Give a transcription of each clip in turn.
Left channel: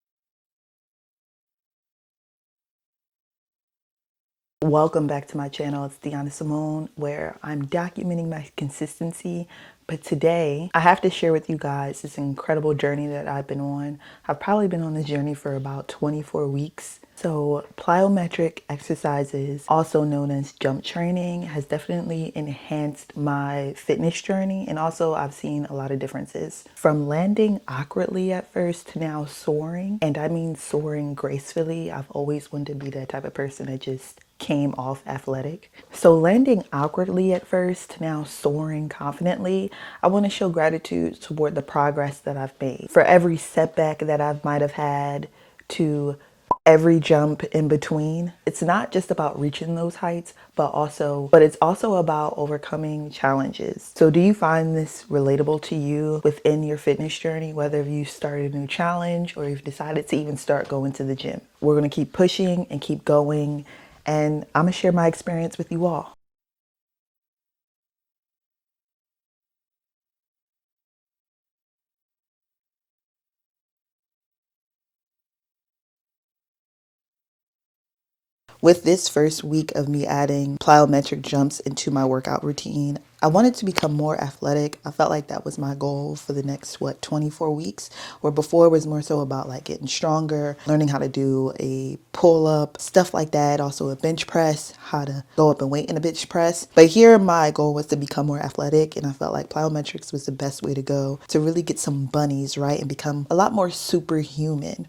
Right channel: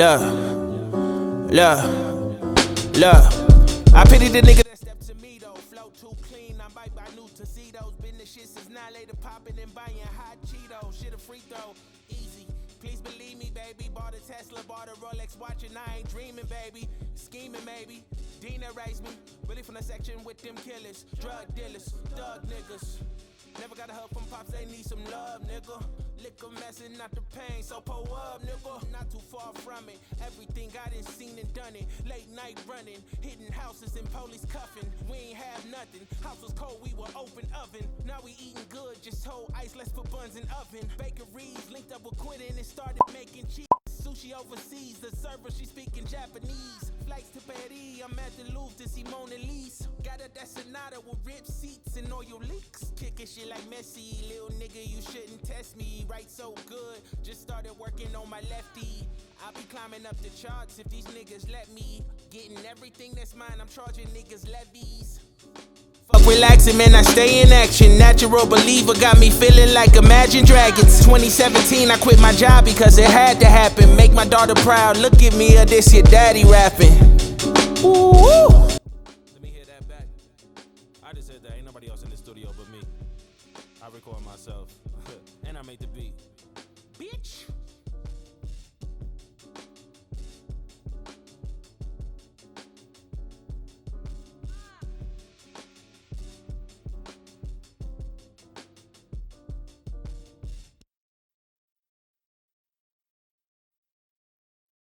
Look, look, look. I pity the nigga. Welcome back to my channel. It's Deanna Simone, where I'm documenting my consistency. But today, I have to share with you guys this incredible journey that I've been on. I've probably been on this journey for about 24 weeks. So plyometric exercises, also known as jump training, has definitely enhanced my fitness journey. And also I've seen a lot of differences. From landing awkwardly at first to now soaring, and I mean soaring gracefully. I've always wanted to be that type of person that just came off athletic. So landing awkwardly at first to now soaring confidently, I want to show gratitude toward the progress that I've made. For every setback that I might have had to every jump in between. It's not just about reaching those heights, but it's also about overcoming challenges. So do you find this relatable to you within your fitness journey, whether you started a new challenge or you've decided to even start going to the gym? We're gonna keep pushing and keep going, and I'm gonna share my experience with you all. Relaxing, man, I stay in action. Natural believer got me feeling like Imagine Dragons. 2017, I quit my job because it had to happen. Make my daughter proud. Look at me, this your daddy rapping. Ooh. With this first week of me adding plyometric jumps into my workout routine, I wanted to become more athletic. I felt like that was my goal for the next, 24 weeks, where before it was more so about like getting stronger, learning how to do a pull-up, stuff like that. Also a bench press, how to go up and weight in a bench press. But here my goal was to become more athletic, and I felt like plyometrics was the best way to go to really get some bunnies, right? And become a lot more superhuman.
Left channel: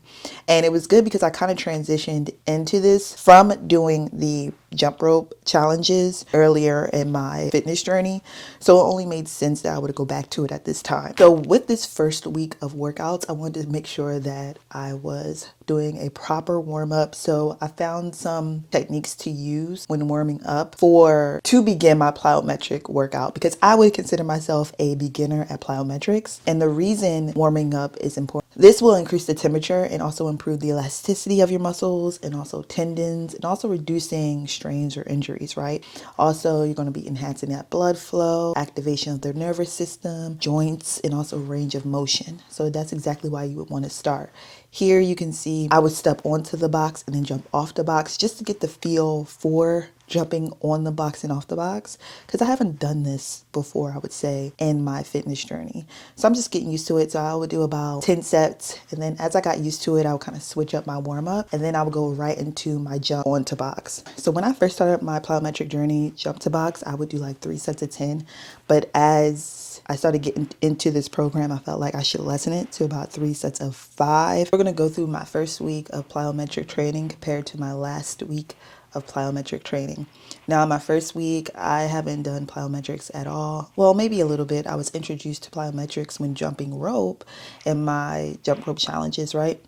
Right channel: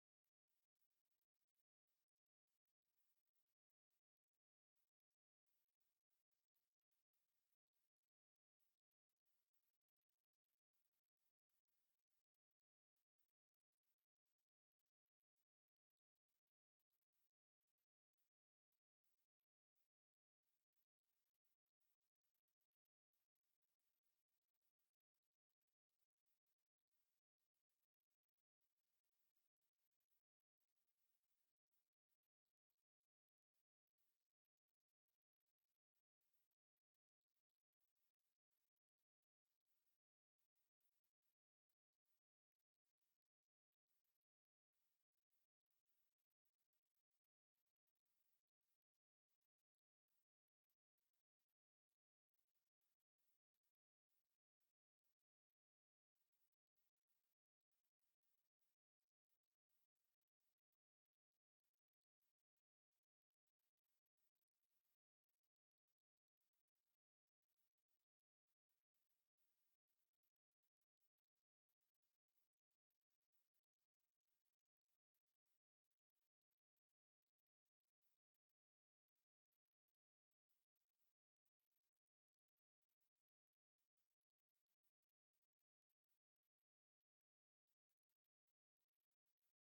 And it was good because I kind of transitioned into this from doing the jump rope challenges earlier in my fitness journey. So it only made sense that I would go back to it at this time. So with this first week of workouts, I wanted to make sure that I was doing a proper warm up. So I found some techniques to use when warming up to begin my plyometric workout, because I would consider myself a beginner at plyometrics. And the reason warming up is important, this will increase the temperature and also improve the elasticity of your muscles and also tendons, and also reducing strains or injuries, right? Also, you're going to be enhancing that blood flow, activation of the nervous system, joints, and also range of motion. So that's exactly why you would want to start. Here you can see I would step onto the box and then jump off the box just to get the feel for jumping on the box and off the box, because I haven't done this before, I would say, in my fitness journey. So I'm just getting used to it. So I would do about 10 sets, and then as I got used to it, I would kind of switch up my warm up, and then I would go right into my jump onto box. So when I first started my plyometric journey, jump to box, I would do like 3 sets of 10. But as I started getting into this program, I felt like I should lessen it to about 3 sets of 5. We're gonna go through my first week of plyometric training compared to my last week of plyometric training. Now, my first week, I haven't done plyometrics at all. Well, maybe a little bit. I was introduced to plyometrics when jumping rope in my jump rope challenges, right?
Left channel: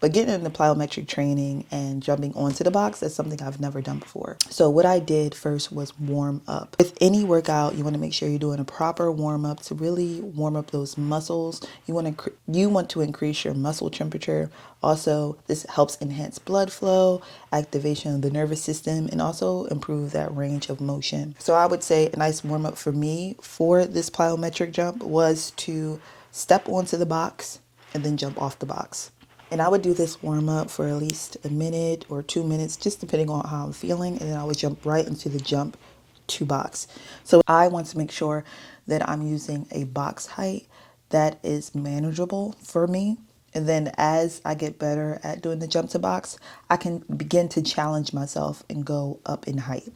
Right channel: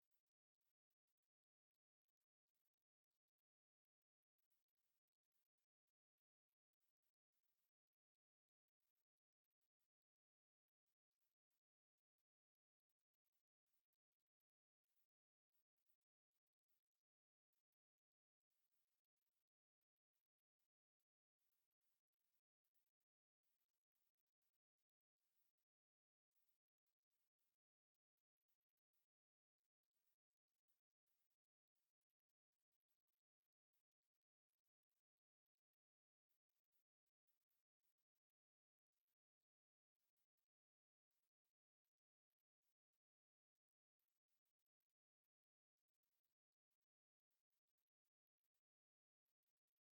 But getting into plyometric training and jumping onto the box, that's something I've never done before. So what I did first was warm up. With any workout, you want to make sure you're doing a proper warm up to really warm up those muscles. You want to increase your muscle temperature. Also, this helps enhance blood flow, activation of the nervous system, and also improve that range of motion. So I would say a nice warm up for me for this plyometric jump was to step onto the box and then jump off the box. And I would do this warm up for at least a minute or 2 minutes, just depending on how I'm feeling. And then I would jump right into the jump to box. So I want to make sure that I'm using a box height that is manageable for me. And then as I get better at doing the jump to box, I can begin to challenge myself and go up in height.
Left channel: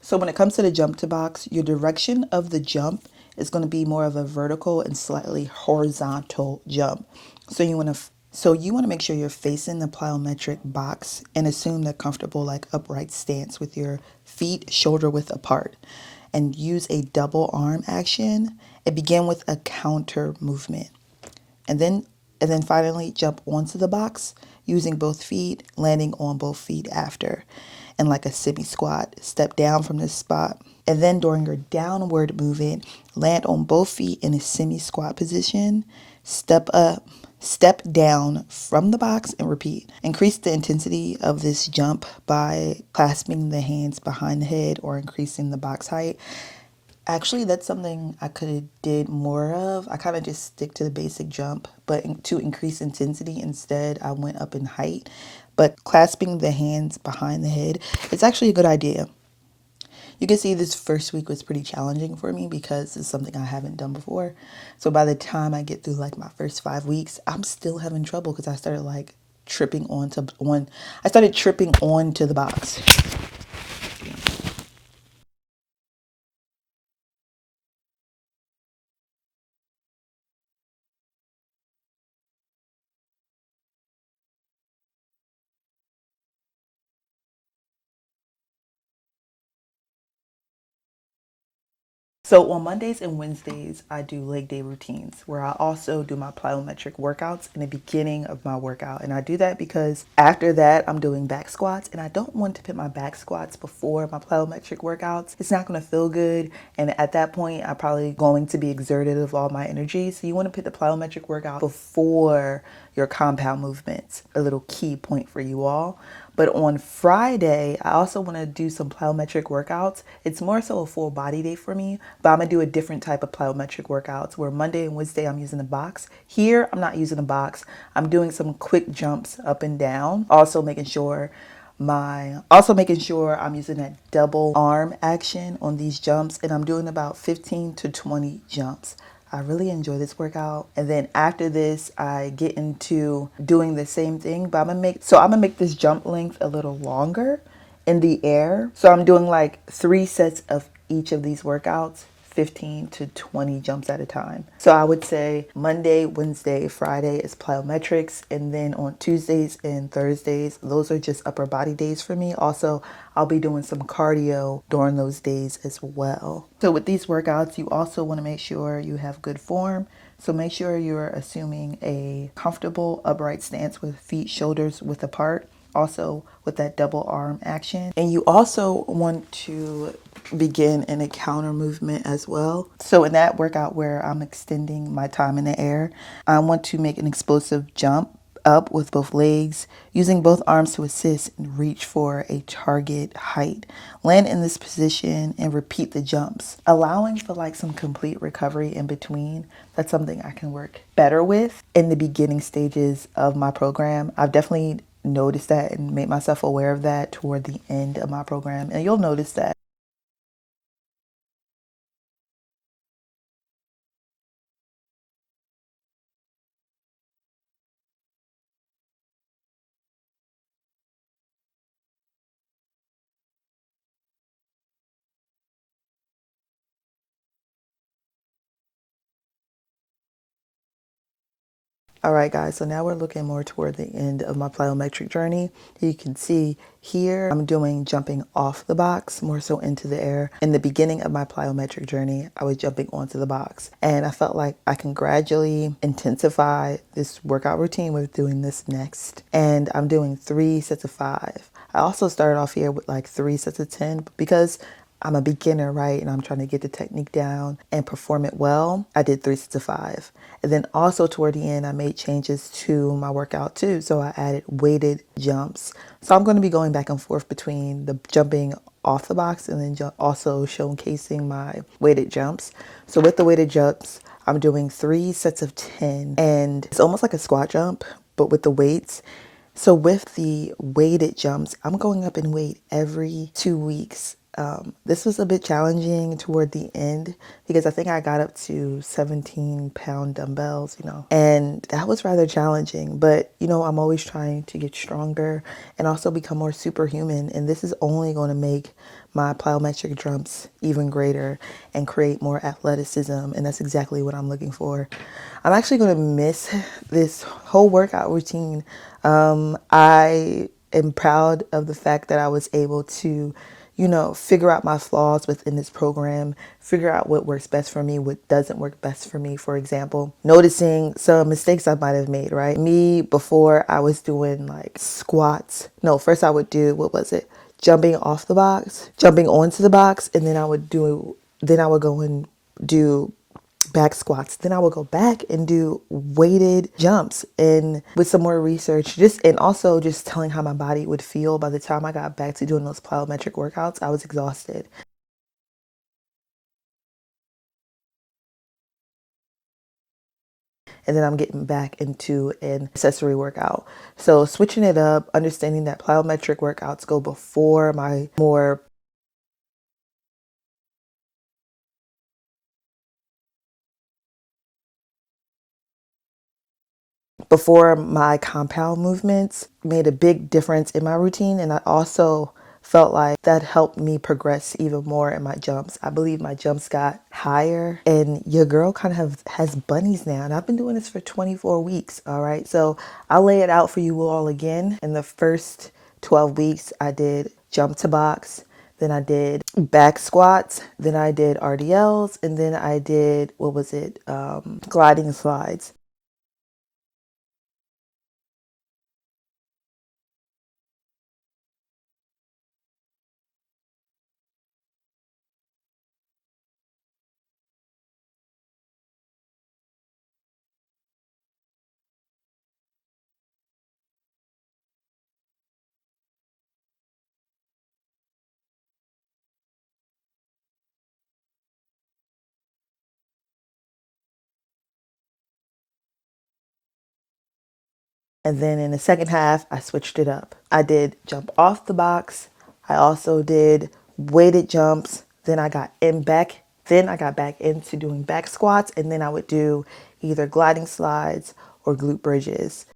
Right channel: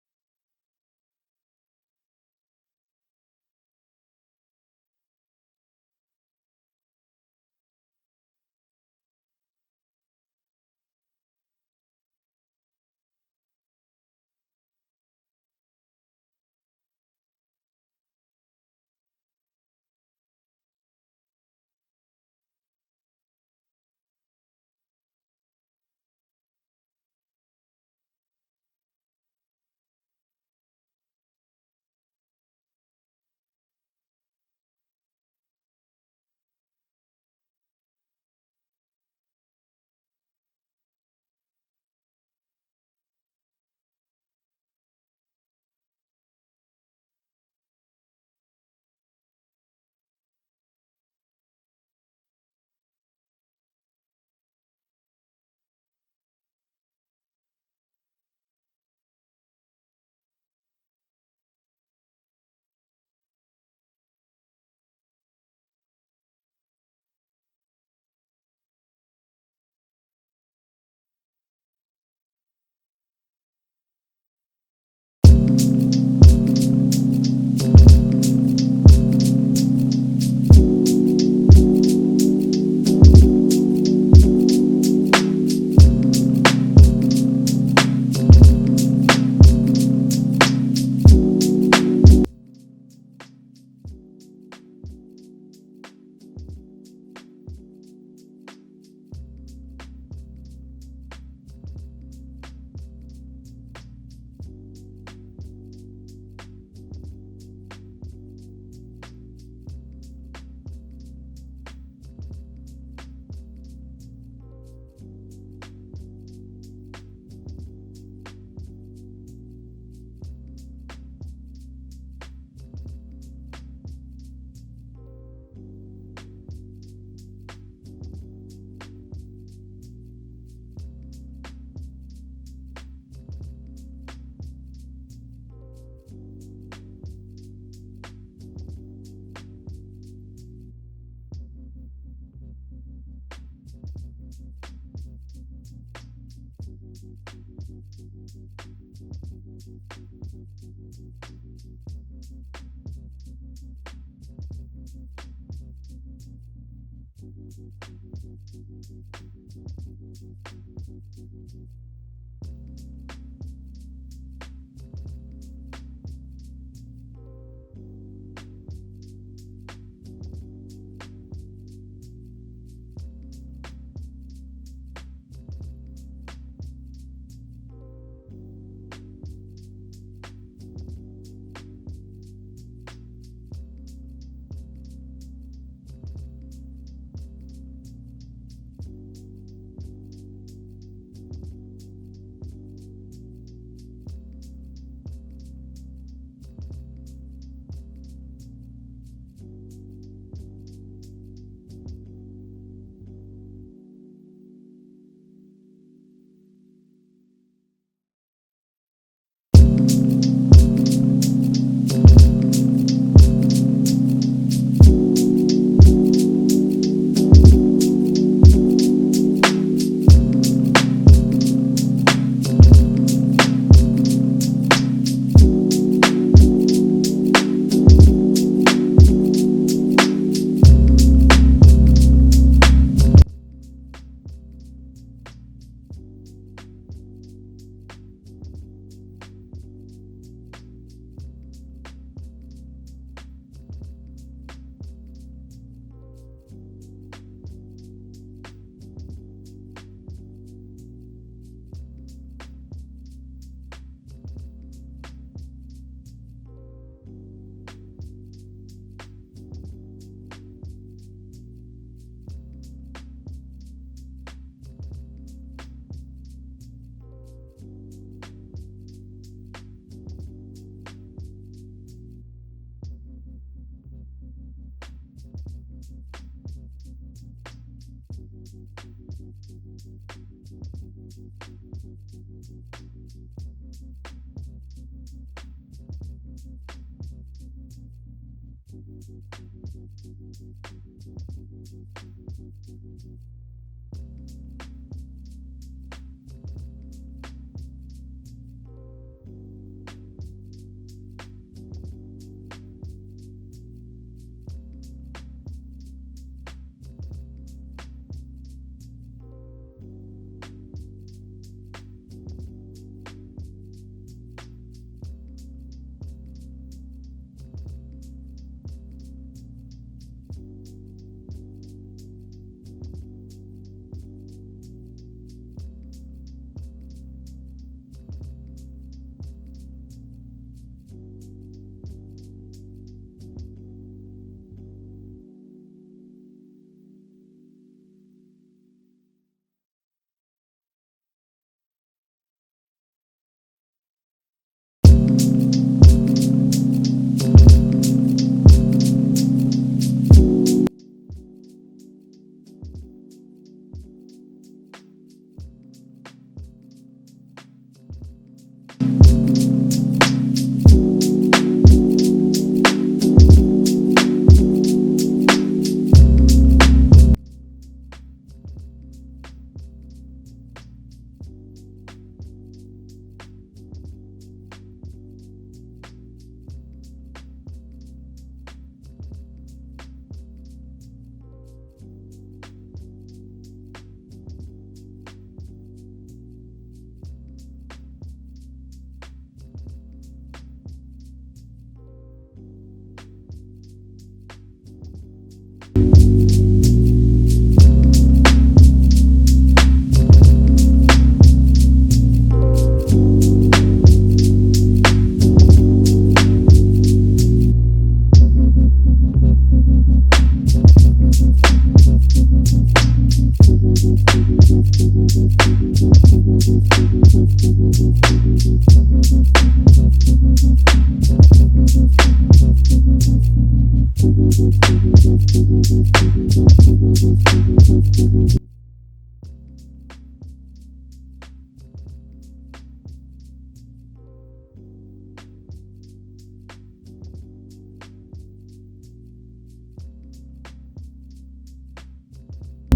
So when it comes to the jump to box, your direction of the jump is going to be more of a vertical and slightly horizontal jump. So you want to make sure you're facing the plyometric box and assume the comfortable like upright stance with your feet shoulder width apart, and use a double arm action and begin with a counter movement. And then finally jump onto the box using both feet, landing on both feet after, and like a semi squat, step down from this spot. And then during your downward movement, land on both feet in a semi squat position, step up, step down from the box, and repeat. Increase the intensity of this jump by clasping the hands behind the head or increasing the box height. Actually, that's something I could have did more of. I kind of just stick to the basic jump, but to increase intensity instead, I went up in height. But clasping the hands behind the head, it's actually a good idea. You can see this first week was pretty challenging for me because it's something I haven't done before. So by the time I get through like my first 5 weeks, I'm still having trouble because I started like I started tripping onto the box. So on Mondays and Wednesdays, I do leg day routines where I also do my plyometric workouts in the beginning of my workout. And I do that because after that, I'm doing back squats, and I don't want to put my back squats before my plyometric workouts. It's not going to feel good. And at that point, I'm probably going to be exerted of all my energy. So you want to put the plyometric workout before your compound movements. A little key point for you all. But on Friday, I also want to do some plyometric workouts. It's more so a full body day for me, but I'm going to do a different type of plyometric workouts where Monday and Wednesday I'm using the box. Here, I'm not using the box. I'm doing some quick jumps up and down. Also making sure I'm using that double arm action on these jumps, and I'm doing about 15 to 20 jumps. I really enjoy this workout. And then after this, I get into doing the same thing, but I'm gonna make this jump length a little longer in the air. So I'm doing like 3 sets of each of these workouts, 15 to 20 jumps at a time. So I would say Monday, Wednesday, Friday is plyometrics, and then on Tuesdays and Thursdays, those are just upper body days for me. Also, I'll be doing some cardio during those days as well. So with these workouts, you also want to make sure you have good form. So make sure you're assuming a comfortable upright stance with feet shoulders width apart, also with that double arm action. And you also want to begin in a counter movement as well. So in that workout where I'm extending my time in the air, I want to make an explosive jump up with both legs, using both arms to assist and reach for a target height. Land in this position and repeat the jumps, allowing for like some complete recovery in between. That's something I can work better with in the beginning stages of my program. I've definitely noticed that and made myself aware of that toward the end of my program, and you'll notice that. Guys, so now we're looking more toward the end of my plyometric journey. You can see here I'm doing jumping off the box, more so into the air. In the beginning of my plyometric journey, I was jumping onto the box, and I felt like I can gradually intensify this workout routine with doing this next. And I'm doing 3 sets of 5. I also started off here with like 3 sets of 10 because I'm a beginner, right? And I'm trying to get the technique down and perform it well. I did 3 sets of 5. And then also toward the end, I made changes to my workout too. So I added weighted jumps. So I'm going to be going back and forth between the jumping off the box and then also showcasing my weighted jumps. So with the weighted jumps, I'm doing 3 sets of 10. And it's almost like a squat jump, but with the weights. So with the weighted jumps, I'm going up in weight every 2 weeks. This was a bit challenging toward the end because I think I got up to 17-pound dumbbells, and that was rather challenging. But, I'm always trying to get stronger and also become more superhuman. And this is only going to make my plyometric jumps even greater and create more athleticism. And that's exactly what I'm looking for. I'm actually going to miss this whole workout routine. I am proud of the fact that I was able to figure out my flaws within this program, figure out what works best for me, what doesn't work best for me. For example, noticing some mistakes I might have made, right? Me, before I was doing like squats. No, first I would do, jumping off the box, jumping onto the box, and then I would go and do back squats. Then I would go back and do weighted jumps, and with some more research, and also just telling how my body would feel by the time I got back to doing those plyometric workouts, I was exhausted. and then I'm getting back into an accessory workout. So switching it up, understanding that plyometric workouts go before my more compound movements made a big difference in my routine, and I also felt like that helped me progress even more in my jumps. I believe my jumps got higher, and your girl kind of has bunnies now, and I've been doing this for 24 weeks, all right? So I'll lay it out for you all again. In the first 12 weeks, I did jump to box, then I did back squats, then I did RDLs, and then I did, gliding slides. And then in the second half, I switched it up. I did jump off the box. I also did weighted jumps. Then I got back into doing back squats, and then I would do either gliding slides or glute bridges.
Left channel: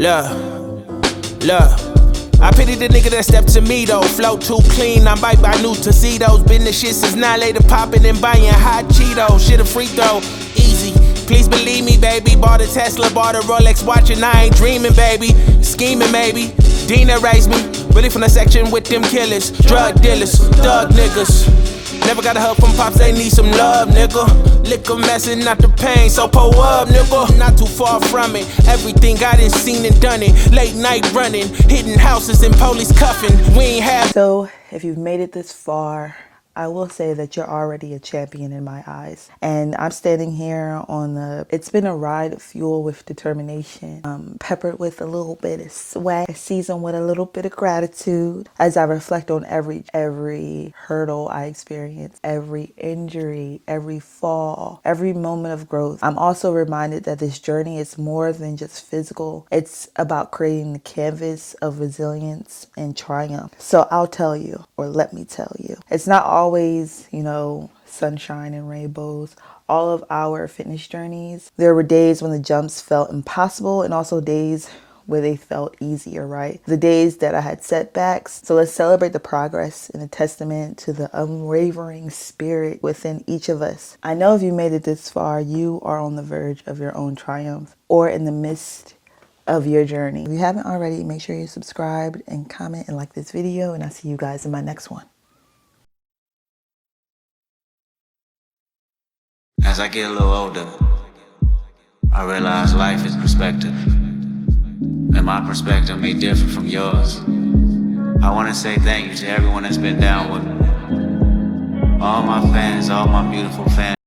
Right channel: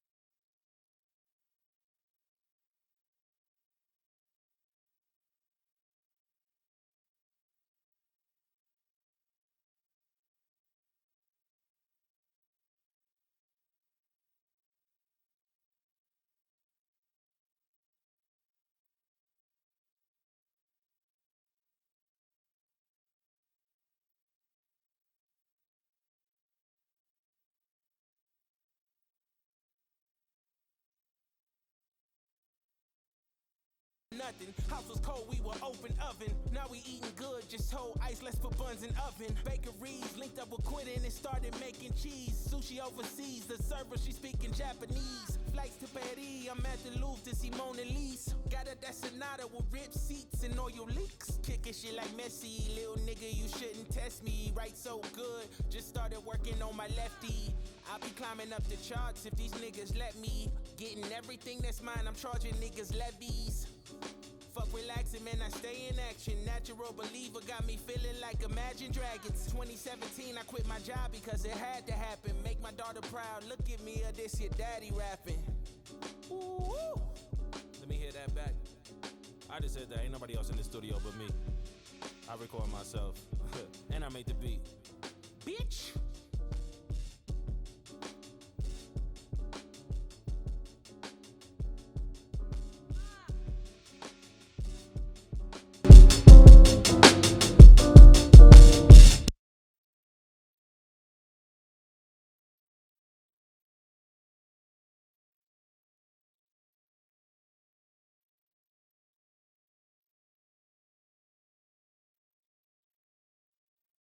Yeah, look. I pity the nigga that stepped to me though. Flow too clean, I'm bite by new tuxedos. Been the shit since 9 later, popping and buying hot Cheetos. Shit a free throw, easy. Please believe me, baby. Bought a Tesla, bought a Rolex watch, and I ain't dreaming, baby. Scheming, maybe. Dina raised me. Really from the section with them killers, drug dealers, thug niggas. Never got a help from pops, they need some love, nigga. Liquor messing, not the pain, so pull up, nigga. Not too far from it, everything I done seen and done it. Late night running, hitting houses and police cuffing. We ain't have. So if you've made it this far, I will say that you're already a champion in my eyes. And I'm standing here it's been a ride of fuel with determination, peppered with a little bit of sweat, seasoned with a little bit of gratitude. As I reflect on every hurdle I experienced, every injury, every fall, every moment of growth, I'm also reminded that this journey is more than just physical. It's about creating the canvas of resilience and triumph. So I'll tell you, or let me tell you, it's not always, sunshine and rainbows. All of our fitness journeys, there were days when the jumps felt impossible and also days where they felt easier, right? The days that I had setbacks. So let's celebrate the progress and a testament to the unwavering spirit within each of us. I know if you made it this far, you are on the verge of your own triumph or in the midst of your journey. If you haven't already, make sure you subscribe and comment and like this video, and I'll see you guys in my next one. As I get a little older, I realize life is perspective, and my perspective may differ from yours. I want to say thank you to everyone that's been down with me. All my fans, all my beautiful fans.